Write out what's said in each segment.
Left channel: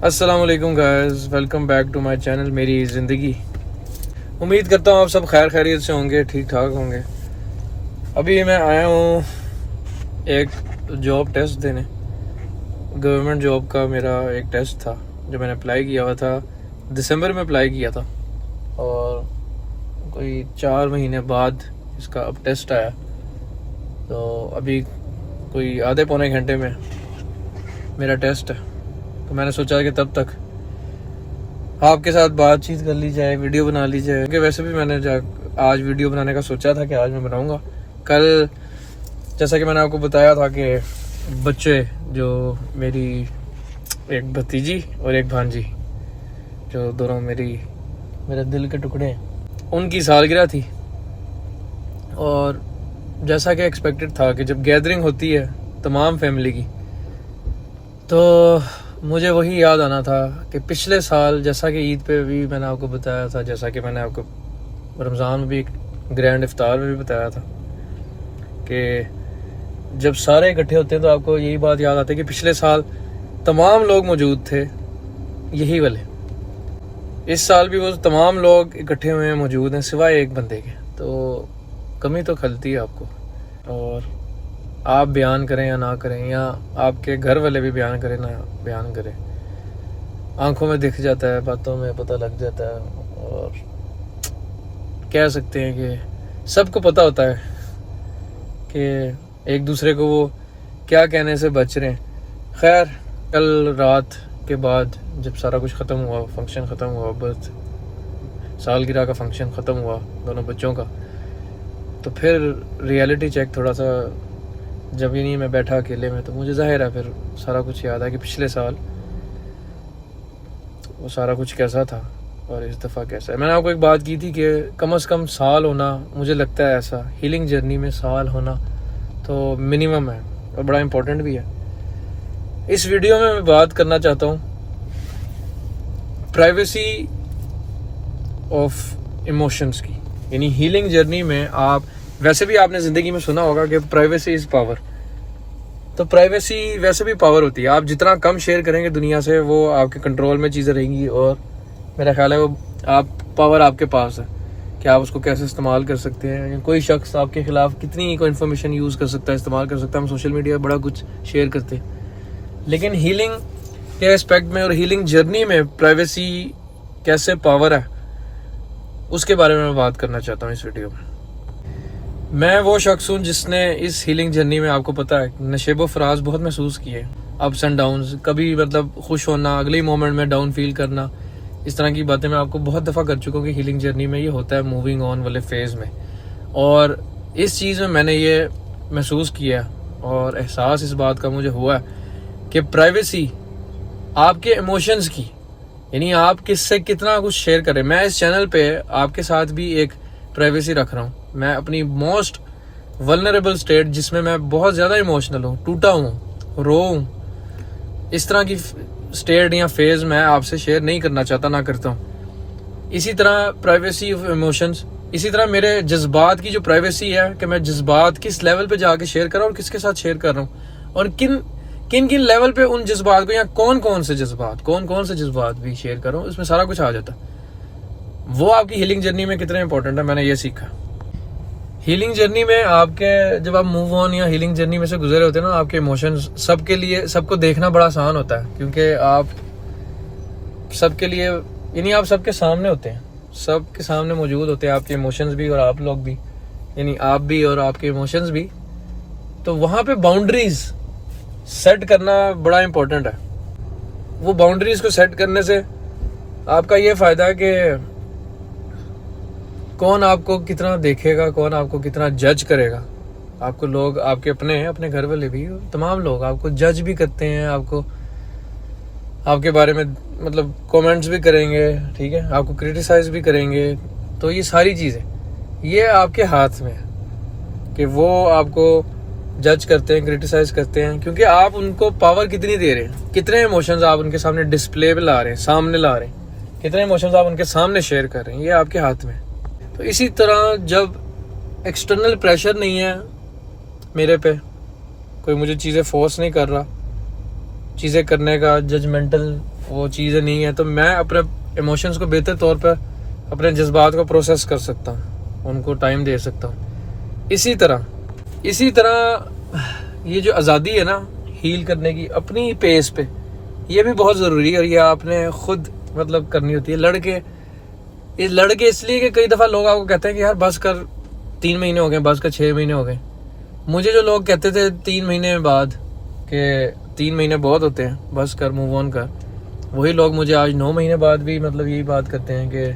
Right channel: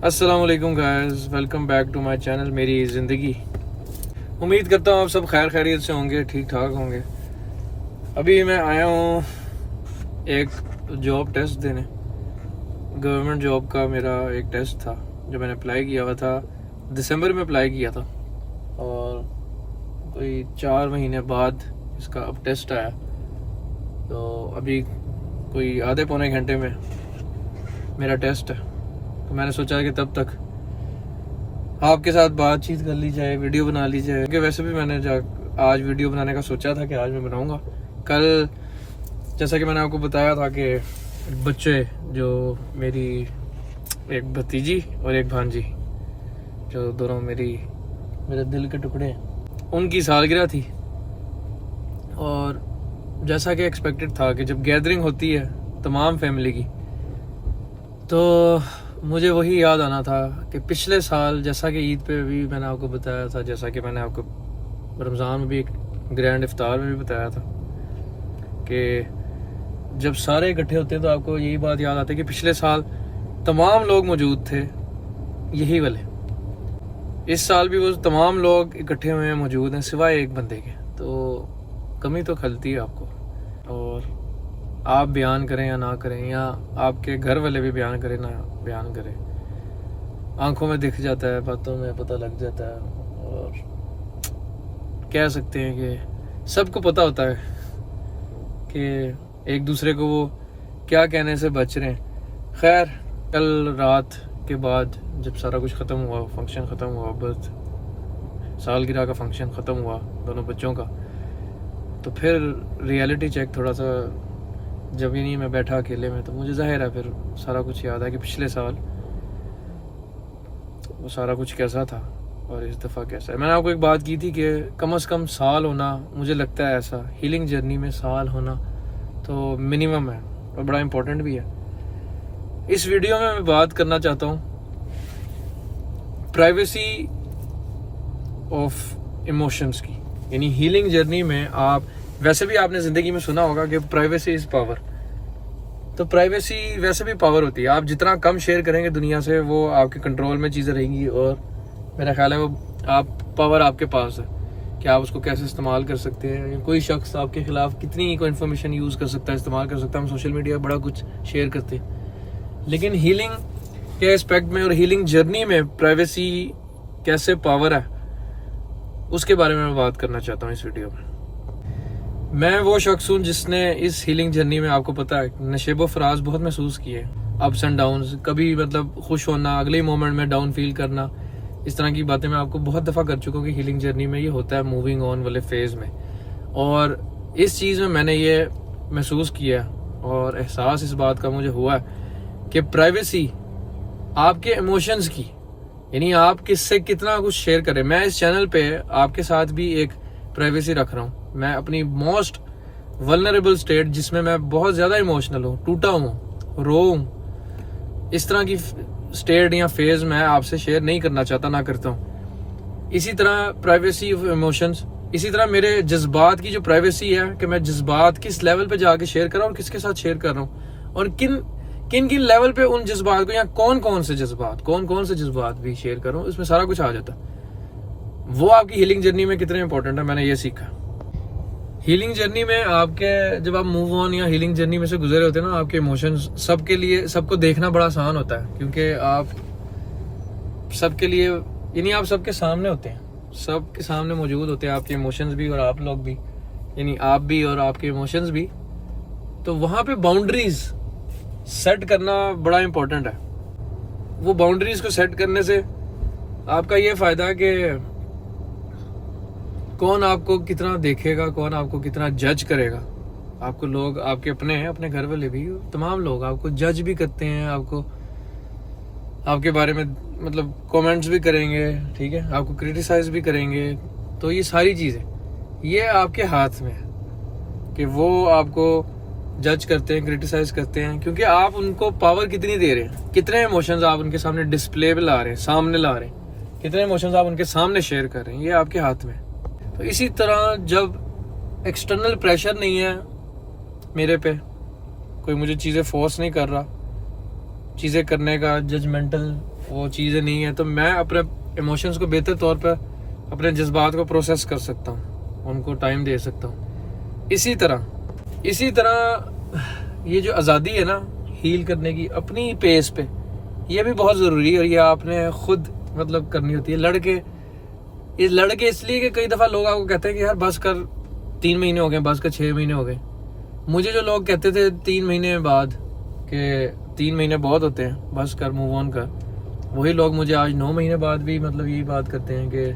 अस्सलाम वालेकुम guys, welcome back to my channel मेरी ज़िंदगी। उम्मीद करता हूँ आप सब खैर खैरियत से होंगे, ठीक ठाक होंगे। अभी मैं आया हूँ एक जॉब टेस्ट देने। गवर्नमेंट जॉब का मेरा एक टेस्ट था जो मैंने अप्लाई किया हुआ था, दिसंबर में अप्लाई किया था और कोई 4 महीने बाद इसका अब टेस्ट आया। तो अभी कोई आधे पौने घंटे में मेरा टेस्ट है। तो मैंने सोचा कि तब तक आपके साथ बातचीत कर ली जाए, वीडियो बना ली जाए, क्योंकि वैसे भी मैंने आज वीडियो बनाने का सोचा था कि आज मैं बनाऊंगा। कल जैसा कि मैंने आपको बताया था कि बच्चे जो मेरी एक भतीजी और एक भांजी जो दोनों मेरे दिल के टुकड़े हैं, उनकी सालगिरह थी। और जैसा कि एक्सपेक्टेड था कि जब गैदरिंग होती है तमाम फैमिली की, तो मुझे वही याद आना था कि पिछले साल जैसा कि ईद पे भी मैंने आपको बताया था, जैसा कि मैंने आपको रमज़ान में भी ग्रैंड इफ्तार में भी बताया था कि जब सारे इकट्ठे होते हैं तो आपको यही बात याद आती है कि पिछले साल तमाम लोग मौजूद थे, यही वाले। इस साल भी वो तमाम लोग इकट्ठे हुए हैं, मौजूद हैं, सिवाय एक बंदे के। तो कमी तो खलती है आपको, और आप बयान करें या ना करें, या आपके घर वाले भी बयान करें ना बयान करें, आंखों में दिख जाता है, बातों में पता लग जाता है। और कह सकते हैं कि सबको पता होता है कि एक दूसरे को वो क्या कहने से बच रहे हैं। खैर, कल रात के बाद जब सारा कुछ ख़त्म हुआ, फंक्शन ख़त्म हुआ, बर्थ सालगिरह का फंक्शन ख़त्म हुआ दोनों बच्चों का, तो फिर रियलिटी चेक थोड़ा सा जब ही नहीं मैं बैठा अकेले में, तो मुझे जाहिर है फिर सारा कुछ याद है कि पिछले साल वो सारा कुछ कैसा था और इस दफ़ा कैसा है। मैंने आपको एक बात की थी कि कम से कम साल होना, मुझे लगता है ऐसा हीलिंग जर्नी में साल होना तो मिनिमम है और बड़ा इम्पोर्टेंट भी है। इस वीडियो में मैं बात करना चाहता हूँ प्राइवेसी ऑफ इमोशंस की, यानी हीलिंग जर्नी में आप, वैसे भी आपने ज़िंदगी में सुना होगा कि प्राइवेसी इज़ पावर। तो प्राइवेसी वैसे भी पावर होती है। आप जितना कम शेयर करेंगे दुनिया से, वो आपके कंट्रोल में चीज़ें रहेंगी, और मेरा ख्याल है वो पावर आपके पास है कि आप उसको कैसे इस्तेमाल कर सकते हैं। कोई शख्स आपके खिलाफ कितनी कोई इन्फॉर्मेशन यूज़ कर सकता है, इस्तेमाल कर सकता है। हम सोशल मीडिया पर बड़ा कुछ शेयर करते हैं, लेकिन हीलिंग के एस्पेक्ट में और हीलिंग जर्नी में प्राइवेसी कैसे पावर है, उसके बारे में मैं बात करना चाहता हूँ इस वीडियो में। मैं वो शख्स हूँ जिसने इस हीलिंग जर्नी में, आपको पता है, नशेबो फराज बहुत महसूस किए, अप्स एंड डाउन्स, कभी मतलब खुश होना, अगले ही मोमेंट में डाउन फील करना। इस तरह की बातें मैं आपको बहुत दफ़ा कर चुका हूँ कि हीलिंग जर्नी में ये होता है, मूविंग ऑन वाले फेज़ में। और इस चीज़ में मैंने ये महसूस किया और एहसास इस बात का मुझे हुआ कि प्राइवेसी आपके इमोशंस की, यानी आप किससे कितना कुछ शेयर करें। मैं इस चैनल पे आपके साथ भी एक प्राइवेसी रख रहा हूँ। मैं अपनी मोस्ट वल्नरेबल स्टेट, जिसमें मैं बहुत ज़्यादा इमोशनल हूँ, टूटा हूँ, रो हूँ, इस तरह की स्टेट या फेज़ मैं आपसे शेयर नहीं करना चाहता, ना करता हूँ। इसी तरह प्राइवेसी ऑफ इमोशंस, इसी तरह मेरे जज्बात की जो प्राइवेसी है कि मैं जज्बात किस लेवल पे जाके शेयर कर रहा हूँ और किसके साथ शेयर कर रहा हूँ, और किन किन लेवल पे उन जज्बात को, या कौन कौन से जज्बात भी शेयर कर रहा हूँ, इसमें सारा कुछ आ जाता है। वो आपकी हीलिंग जर्नी में कितने इंपॉर्टेंट है, मैंने ये सीखा। हीलिंग जर्नी में आपके, जब आप मूव ऑन या हीलिंग जर्नी में से गुजरे होते हैं ना, आपके इमोशंस सबके लिए, सबको देखना बड़ा आसान होता है, क्योंकि आप सबके लिए, यानी आप सबके सामने होते हैं, सबके सामने मौजूद होते हैं आपके इमोशंस भी और आप लोग भी, यानी आप भी और आपके इमोशंस भी। तो वहाँ पे बाउंड्रीज सेट करना बड़ा इम्पोर्टेंट है। वो बाउंड्रीज को सेट करने से आपका ये फ़ायदा है कि कौन आपको कितना देखेगा, कौन आपको कितना जज करेगा। आपको लोग, आपके अपने घर वाले भी, तमाम लोग आपको जज भी करते हैं, आपको आपके बारे में मतलब कमेंट्स भी करेंगे, ठीक है, आपको क्रिटिसाइज भी करेंगे। तो ये सारी चीज़ें ये आपके हाथ में है कि वो आपको जज करते हैं, क्रिटिसाइज करते हैं, क्योंकि आप उनको पावर कितनी दे रहे हैं, कितने इमोशंस आप उनके सामने डिस्प्ले पे ला रहे हैं, सामने ला रहे हैं, कितने इमोशंस आप उनके सामने शेयर कर रहे हैं, ये आपके हाथ में है। तो इसी तरह जब एक्सटर्नल प्रेशर नहीं है मेरे पे, कोई मुझे चीज़ें फोर्स नहीं कर रहा चीज़ें करने का, जजमेंटल वो चीज़ें नहीं है, तो मैं अपने इमोशंस को बेहतर तौर पर, अपने जज्बात को प्रोसेस कर सकता हूँ, उनको टाइम दे सकता हूँ। इसी तरह ये जो आज़ादी है ना हील करने की अपनी पेस पे, ये भी बहुत ज़रूरी है, और ये आपने खुद मतलब करनी होती है। लड़के इसलिए कि कई दफ़ा लोग आपको कहते हैं कि यार बस कर, 3 महीने हो गए, बस कर 6 महीने हो गए। मुझे जो लोग कहते थे 3 महीने बाद कि 3 महीने बहुत होते हैं, बस कर, मूव ऑन कर, वही लोग मुझे आज 9 महीने बाद भी मतलब यही बात करते हैं कि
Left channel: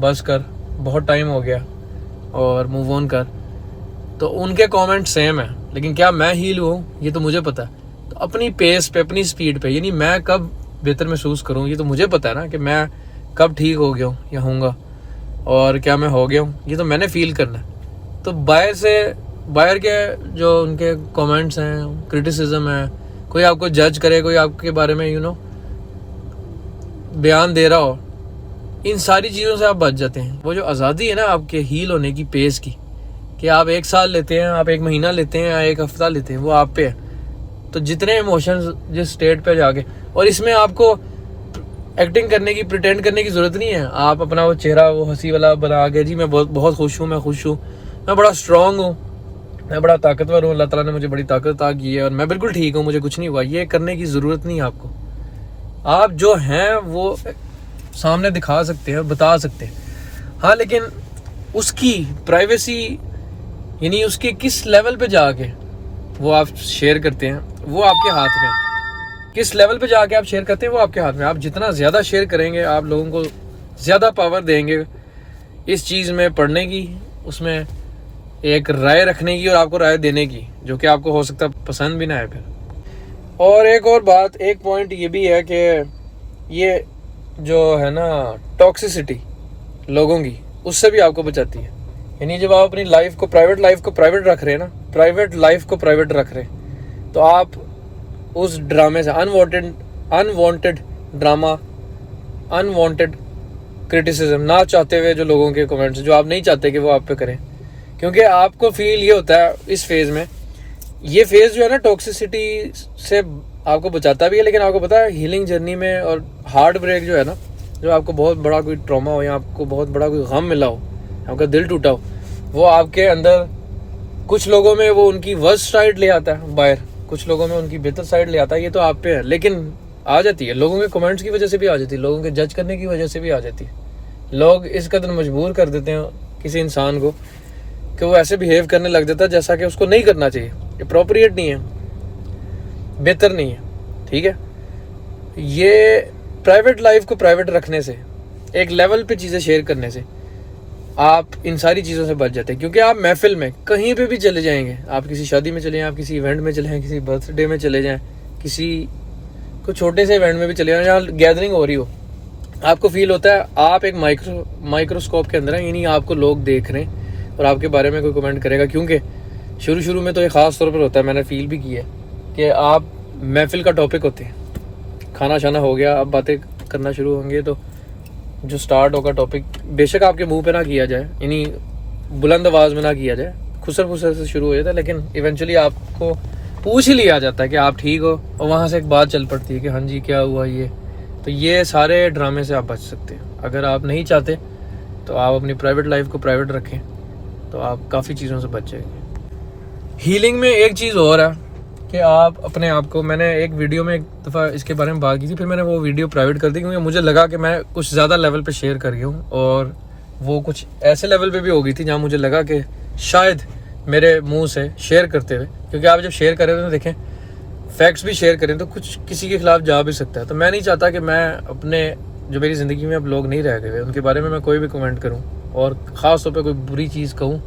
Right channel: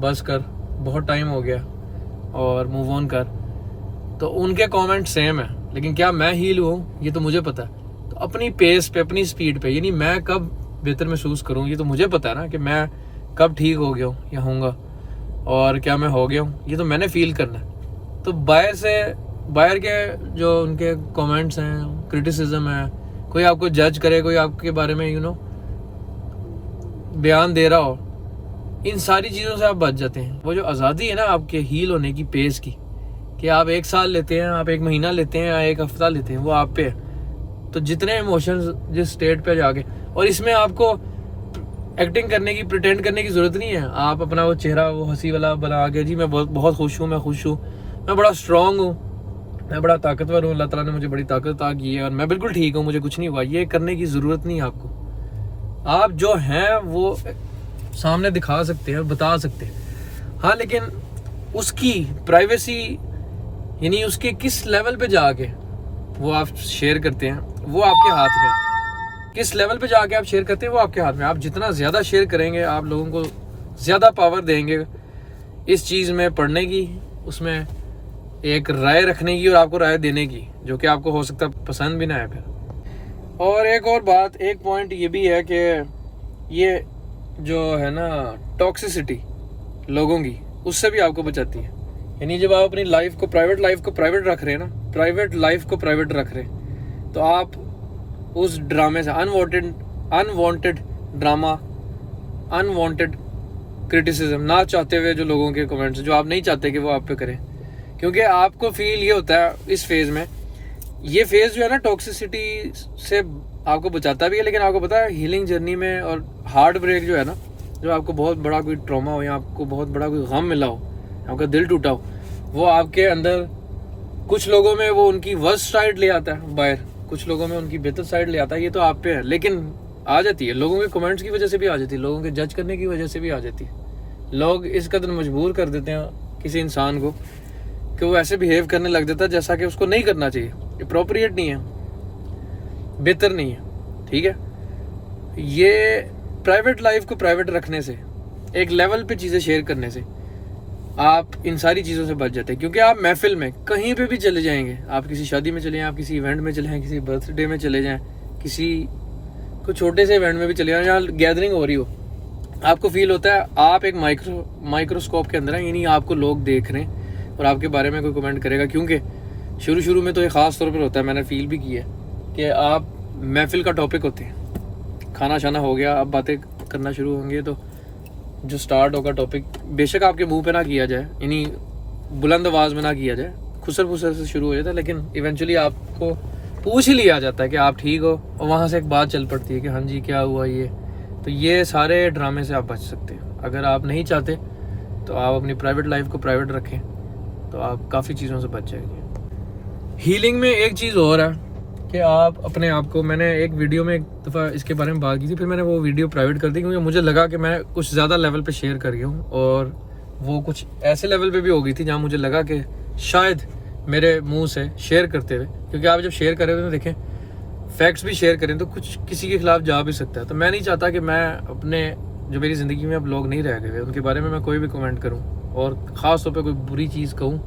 बस कर, बहुत टाइम हो गया और मूव ऑन कर। तो उनके कमेंट सेम है, लेकिन क्या मैं हील हूँ ये तो मुझे पता है। तो अपनी पेस पे, अपनी स्पीड पे, यानी मैं कब बेहतर महसूस करूँ ये तो मुझे पता है ना, कि मैं कब ठीक हो गया हूँ या होऊंगा, और क्या मैं हो गया हूँ ये तो मैंने फील करना है। तो बाहर के जो उनके कमेंट्स हैं, क्रिटिसिज्म है, कोई आपको जज करे, कोई आपके बारे में बयान दे रहा हो, इन सारी चीज़ों से आप बच जाते हैं। वो जो आज़ादी है ना आपके हील होने की पेस की, कि आप 1 साल लेते हैं, आप 1 महीना लेते हैं या 1 हफ्ता लेते हैं, वो आप पे है। तो जितने इमोशंस जिस स्टेट पे जाके, और इसमें आपको एक्टिंग करने की, प्रिटेंड करने की ज़रूरत नहीं है। आप अपना वो चेहरा वो हंसी वाला बना के, जी मैं बहुत खुश हूँ, मैं खुश हूँ, मैं बड़ा स्ट्रांग हूँ, मैं बड़ा ताकतवर हूँ, अल्लाह ताला ने मुझे बड़ी ताकत अता की है और मैं बिल्कुल ठीक हूँ, मुझे कुछ नहीं हुआ, ये करने की ज़रूरत नहीं है आपको। आप जो हैं वो सामने दिखा सकते हैं, बता सकते हैं, हाँ, लेकिन उसकी प्राइवेसी, यानी उसके किस लेवल पे जाके वो आप शेयर करते हैं, वो आपके हाथ में। किस लेवल पे जाके आप शेयर करते हैं वो आपके हाथ में। आप जितना ज़्यादा शेयर करेंगे, आप लोगों को ज़्यादा पावर देंगे इस चीज़ में पढ़ने की, उसमें एक राय रखने की और आपको राय देने की, जो कि आपको हो सकता है पसंद भी ना आए फिर। और एक और बात, एक पॉइंट ये भी है कि ये जो है ना टॉक्सिसिटी लोगों की, उससे भी आपको बचाती है। यानी जब आप अपनी लाइफ को, प्राइवेट लाइफ को प्राइवेट रख रहे हैं ना, प्राइवेट लाइफ को प्राइवेट रख रहे हैं, तो आप उस ड्रामे से, अनवांटेड ड्रामा, अनवांटेड क्रिटिसिज्म, ना चाहते हुए जो लोगों के कमेंट्स जो आप नहीं चाहते कि वो आप पे करें, क्योंकि आपको फील ये होता है इस फेज़ में, ये फेज़ जो है ना टॉक्सिसिटी से आपको बचाता भी है, लेकिन आपको पता है हीलिंग जर्नी में और हार्ट ब्रेक जो है ना, जो आपको बहुत बड़ा कोई ट्रॉमा हो या आपको बहुत बड़ा कोई गम मिला हो, आपका दिल टूटा हो, वो आपके अंदर कुछ लोगों में वो उनकी वर्स्ट साइड ले आता है बाहर, कुछ लोगों में उनकी बेहतर साइड ले आता है। ये तो आप पे है, लेकिन आ जाती है लोगों के कमेंट्स की वजह से भी आ जाती है, लोगों के जज करने की वजह से भी आ जाती है। लोग इस कदर मजबूर कर देते हैं किसी इंसान को कि वो ऐसे बिहेव करने लग जाता है जैसा कि उसको नहीं करना चाहिए, अप्रोप्रिएट नहीं है, बेहतर नहीं है, ठीक है। ये प्राइवेट लाइफ को प्राइवेट रखने से, एक लेवल पे चीज़ें शेयर करने से आप इन सारी चीज़ों से बच जाते हैं। क्योंकि आप महफिल में कहीं पे भी चले जाएंगे, आप किसी शादी में चले जाएं, आप किसी इवेंट में चले जाएं, किसी बर्थडे में चले जाएं, किसी को छोटे से इवेंट में भी चले जाएं जहाँ गैदरिंग हो रही हो, आपको फील होता है आप एक माइक्रोस्कोप के अंदर हैं, यानी आपको लोग देख रहे हैं और आपके बारे में कोई कमेंट करेगा। क्योंकि शुरू में तो ये ख़ास तौर पर होता है, मैंने फील भी किया है कि आप महफिल का टॉपिक होते हैं, खाना शाना हो गया, अब बातें करना शुरू होंगे, तो जो स्टार्ट होगा टॉपिक, बेशक आपके मुंह पे ना किया जाए, यानी बुलंद आवाज़ में ना किया जाए, खुसर फुसर से शुरू हो जाता है, लेकिन इवेंचुअली आपको पूछ ही लिया जाता है कि आप ठीक हो, और वहाँ से एक बात चल पड़ती है कि हाँ जी क्या हुआ ये। तो ये सारे ड्रामे से आप बच सकते हैं। अगर आप नहीं चाहते तो आप अपनी प्राइवेट लाइफ को प्राइवेट रखें, तो आप काफ़ी चीज़ों से बच जाएंगे। हीलिंग में एक चीज़ और है कि आप अपने आप को, मैंने एक वीडियो में एक दफ़ा इसके बारे में बात की थी, फिर मैंने वो वीडियो प्राइवेट कर दी क्योंकि मुझे लगा कि मैं कुछ ज़्यादा लेवल पे शेयर कर गया हूँ, और वो कुछ ऐसे लेवल पे भी हो गई थी जहाँ मुझे लगा कि शायद मेरे मुंह से शेयर करते हुए, क्योंकि आप जब शेयर करें तो देखें फैक्ट्स भी शेयर करें तो कुछ किसी के खिलाफ जा भी सकता है। तो मैं नहीं चाहता कि मैं अपने, जो मेरी ज़िंदगी में अब लोग नहीं रह गए उनके बारे में मैं कोई भी कमेंट करूँ, और ख़ास तौर पर कोई बुरी चीज़ कहूँ,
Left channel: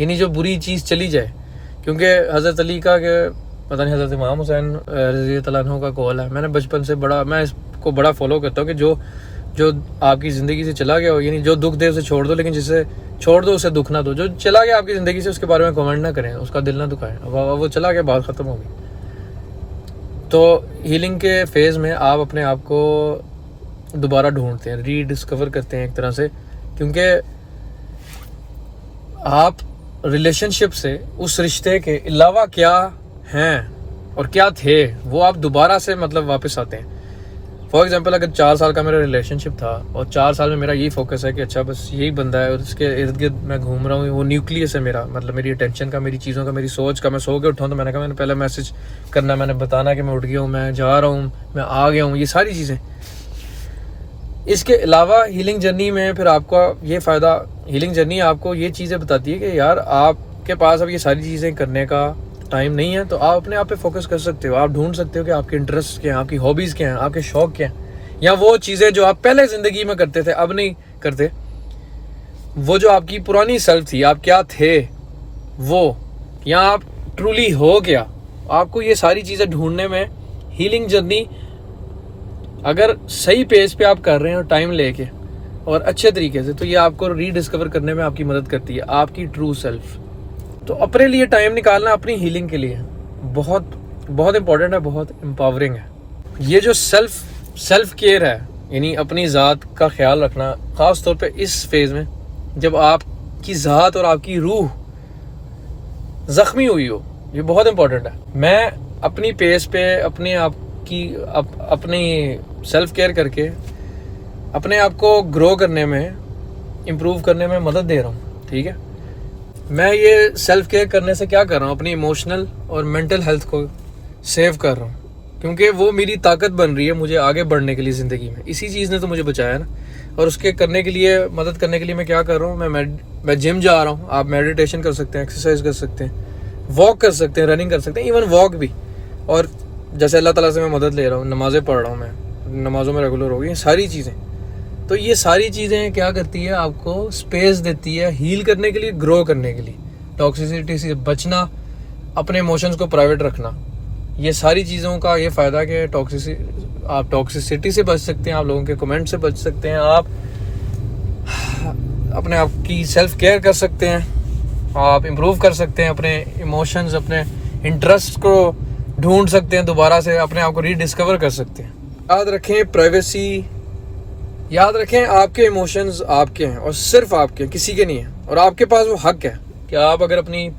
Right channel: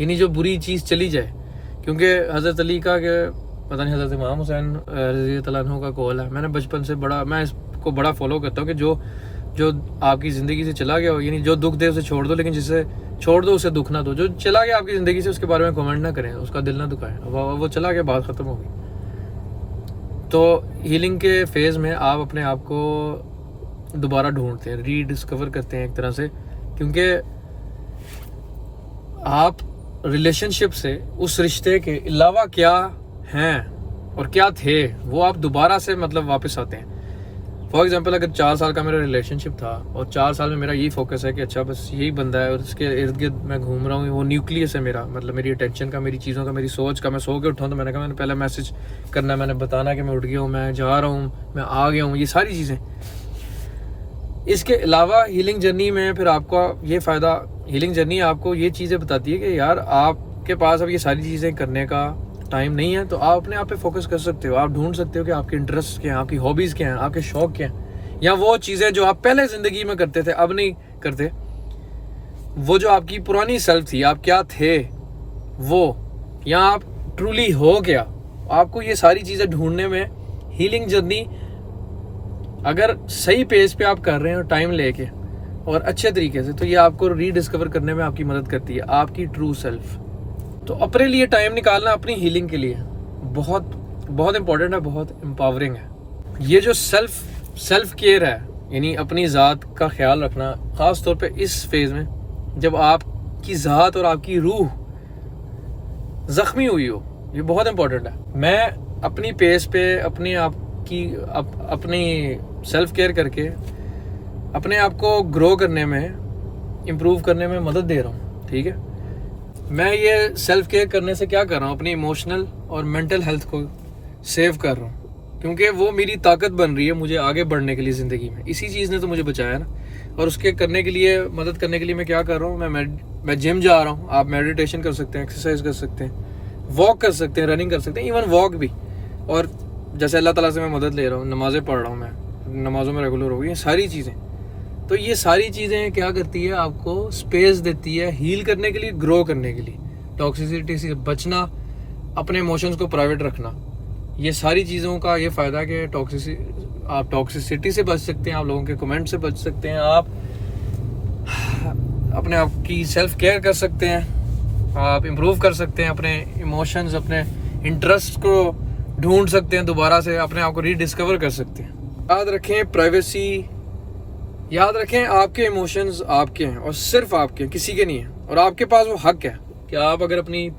यानी जो बुरी चीज़ चली जाए। क्योंकि हज़रत अली का पता नहीं हज़रत इमाम हुसैन रज़ी अल्लाह अन्हु का कॉल है, मैंने बचपन से मैं इसको बड़ा फॉलो करता हूँ कि जो आपकी ज़िंदगी से चला गया हो, यानी जो दुख दे उसे छोड़ दो, लेकिन जिसे छोड़ दो उसे दुख ना दो। जो चला गया आपकी ज़िंदगी से उसके बारे में कमेंट ना करें, उसका दिल ना दुखाएं, वो चला गया, बात ख़त्म हो गई। तो हीलिंग के फेज़ में आप अपने आप को दोबारा ढूंढते हैं, रीडिस्कवर करते हैं एक तरह से, क्योंकि आप रिलेशनशिप से, उस रिश्ते के अलावा क्या हैं और क्या थे, वो आप दोबारा से मतलब वापस आते हैं। फॉर एग्जांपल अगर 4 साल का मेरा रिलेशनशिप था और 4 साल में मेरा यही फोकस है कि अच्छा बस यही बंदा है और उसके इर्द गिर्द मैं घूम रहा हूँ, वो न्यूक्लियस है मेरा, मतलब मेरी अटेंशन का, मेरी चीज़ों का, मेरी सोच का। मैं सो के उठाऊँ तो मैंने कहा मैंने पहले मैसेज करना, मैंने बताना कि मैं उठ गया हूँ, मैं जा रहा हूँ, मैं आ गया हूँ, ये सारी चीज़ें। इसके अलावा हीलिंग जर्नी में फिर आपका ये फ़ायदा, हीलिंग जर्नी आपको ये चीज़ें बताती है कि यार आपके पास अब ये सारी चीज़ें करने का टाइम नहीं है, तो आप अपने आप पे फोकस कर सकते हो। आप ढूंढ सकते हो कि आपके इंटरेस्ट क्या हैं, आपकी हॉबीज़ क्या हैं, आपके शौक क्या हैं, या वो चीज़ें जो आप पहले ज़िंदगी में करते थे अब नहीं करते, वो जो आपकी पुरानी सेल्फ थी, आप क्या थे वो, या आप ट्रूली हो क्या। आपको ये सारी चीज़ें ढूंढने में हीलिंग जर्नी अगर सही पेज पे आप कर रहे हैं टाइम लेके और अच्छे तरीके से, तो ये आपको रीडिस्कवर करने में आपकी मदद करती है, आपकी ट्रू सेल्फ। तो अपने लिए टाइम निकालना अपनी हीलिंग के लिए बहुत बहुत इंपॉर्टेंट है, बहुत एम्पावरिंग है। ये जो सेल्फ केयर है, यानी अपनी ज़ात का ख्याल रखना, ख़ास तौर पे इस फेज़ में जब आपकी ज़ात और आपकी रूह ज़ख्मी हुई हो, ये बहुत इंपॉर्टेंट है। मैं अपनी पेज पे अपने आप की अपनी सेल्फ केयर करके अपने आप को ग्रो करने में, इम्प्रूव करने में मदद दे रहा हूँ, ठीक है। मैं ये सेल्फ केयर करने से क्या कर रहा हूँ, अपनी इमोशनल और मेंटल हेल्थ को सेव कर रहा हूँ, क्योंकि वो मेरी ताकत बन रही है मुझे आगे बढ़ने के लिए ज़िंदगी में। इसी चीज़ ने तो मुझे बचाया ना, और उसके करने के लिए, मदद करने के लिए मैं क्या कर रहा हूँ, मैं जिम जा रहा हूँ। आप मेडिटेशन कर सकते हैं, एक्सरसाइज कर सकते हैं, वॉक कर सकते हैं, रनिंग कर सकते हैं, इवन वॉक भी। और जैसे अल्लाह ताला से मैं मदद ले रहा हूँ, नमाज़ें पढ़ रहा हूँ, मैं नमाज़ों में रेगुलर हो गई, सारी चीज़ें। तो ये सारी चीज़ें क्या करती है, आपको स्पेस देती है हील करने के लिए, ग्रो करने के लिए, टॉक्सिसिटी से बचना, अपने इमोशंस को प्राइवेट रखना। ये सारी चीज़ों का ये फ़ायदा कि आप टॉक्सिसिटी से बच सकते हैं, आप लोगों के कमेंट से बच सकते हैं, आप अपने आप की सेल्फ केयर कर सकते हैं, आप इम्प्रूव कर सकते हैं, अपने इमोशंस, अपने इंटरेस्ट को ढूंढ सकते हैं, दोबारा से अपने आप को रीडिस्कवर कर सकते हैं। याद रखें प्राइवेसी, याद रखें आपके इमोशंस आपके हैं और सिर्फ आपके हैं, किसी के नहीं है। और आपके पास वो हक है कि आप अगर अपनी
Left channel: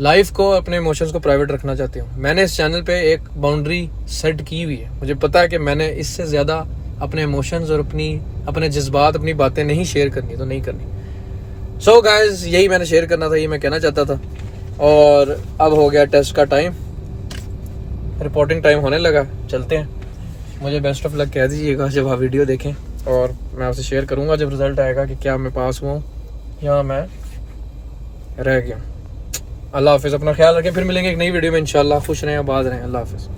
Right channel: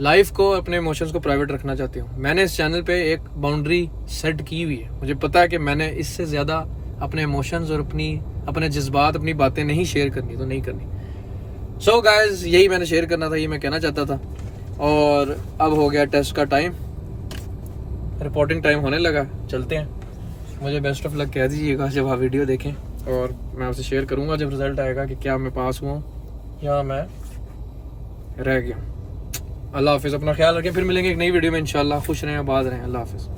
लाइफ को, अपने इमोशंस को प्राइवेट रखना चाहते हो। मैंने इस चैनल पे एक बाउंड्री सेट की हुई है, मुझे पता है कि मैंने इससे ज़्यादा अपने इमोशंस और अपने जज्बात, अपनी बातें नहीं शेयर करनी, तो नहीं करनी। सो गाइज, यही मैंने शेयर करना था, ये मैं कहना चाहता था। और अब हो गया टेस्ट का टाइम, रिपोर्टिंग टाइम होने लगा, चलते हैं। मुझे बेस्ट ऑफ लक कह दीजिएगा जब आप वीडियो देखें, और मैं आपसे शेयर करूंगा जब रिज़ल्ट आएगा कि क्या मैं पास हुआ या मैं रह गया। अल्लाह हाफिज़, अपना ख्याल रखें, फिर मिलेंगे एक नई वीडियो में इंशाल्लाह। खुश रहें, आबाद रहें, अल्लाह हाफिज़।